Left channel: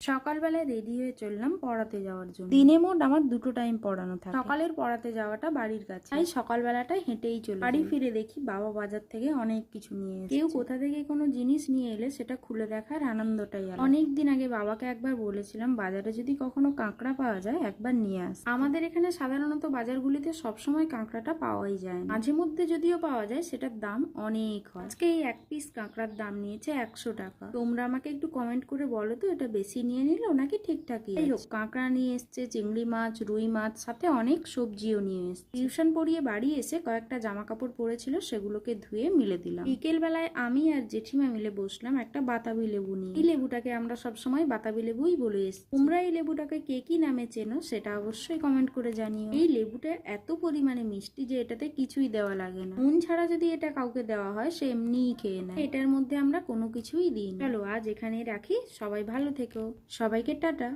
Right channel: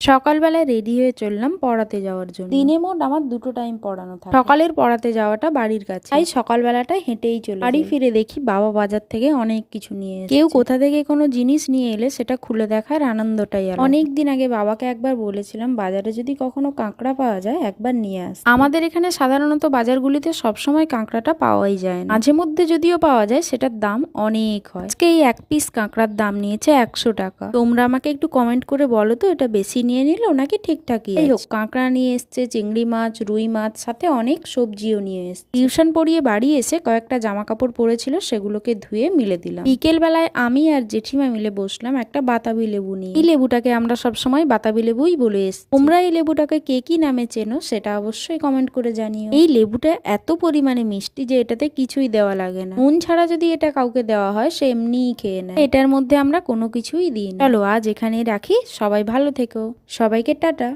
সকালবেলায় রেডি হয়ে চললাম পড়াতে যাওয়ার জন্য। দিনে মোট আমার দুটো টাইম পড়ানো থাকে। সকালের পড়াতে যাওয়াটা বাড়ির কাছে। তাই সকালবেলাটা হেঁটেই চলে বাড়ি ফিরে দেখি বাবা বাজার থেকে অনেক কিছু নিয়ে কেউ কোথা থেকে কোনো জিনিস নিয়ে এলে সেটা খুলে দেখার আনন্দটাই আলাদা। অনেক দিন আগে বাবাকে একবার বলেছিলাম বাজারে যদি কখনো কাঁকড়া পাওয়া যায় একবার নিয়ে আস। আমাদের এখানে সাধারণত বাজারগুলিতে সবসময় কাঁকড়াটা পাওয়াই যায় না। মাঝে মধ্যে যদিও পাওয়া যায় সেটার দাম অনেক হয়। আজকে এই এক পিস কাঁকড়ার দাম নিয়েছে একশো টাকা। তোমরা আমাকে একটু কমেন্ট করে বলো তো এটা বেশি নিয়ে নিল নাকি ঠিকঠাকই যাই হোক কাঁকড়া নিয়ে এসছে চিংড়ি মাছ রুই মাছ সাথে অনেক সবজিও নিয়ে এসছে। টিউশন পড়িয়ে বাড়ি এসে কয়েকটা জামা কাপড় পরেছিল সেগুলোকে ধুয়ে মিলে দিলাম। বিকেল বেলায় আমি আর জেঠিমা মিলে বসলাম একটা বাতাবি লেবু নিয়ে। এই লেবুটাকে আমরা সবসময় বাতাবি লেবুই বলে এসছি। তোমরা এই লেবুটাকে কে কি নামে চেনো সেটা অবশ্যই কমেন্ট করে জানিও। এই লেবুটা এত পরিমাণে মিষ্টি যে এটাতে কিছুই দেওয়া লাগে না। নুন ছাড়া যদি এটা কাউকে দেওয়া হয় সে এমনিই খেয়ে নেয়। এটার মধ্যে আমরা কোনো কিছুই দিই চলো আজ এখানেই রাখি। সবাই ভালো থেকো। সবাইকে টাটা।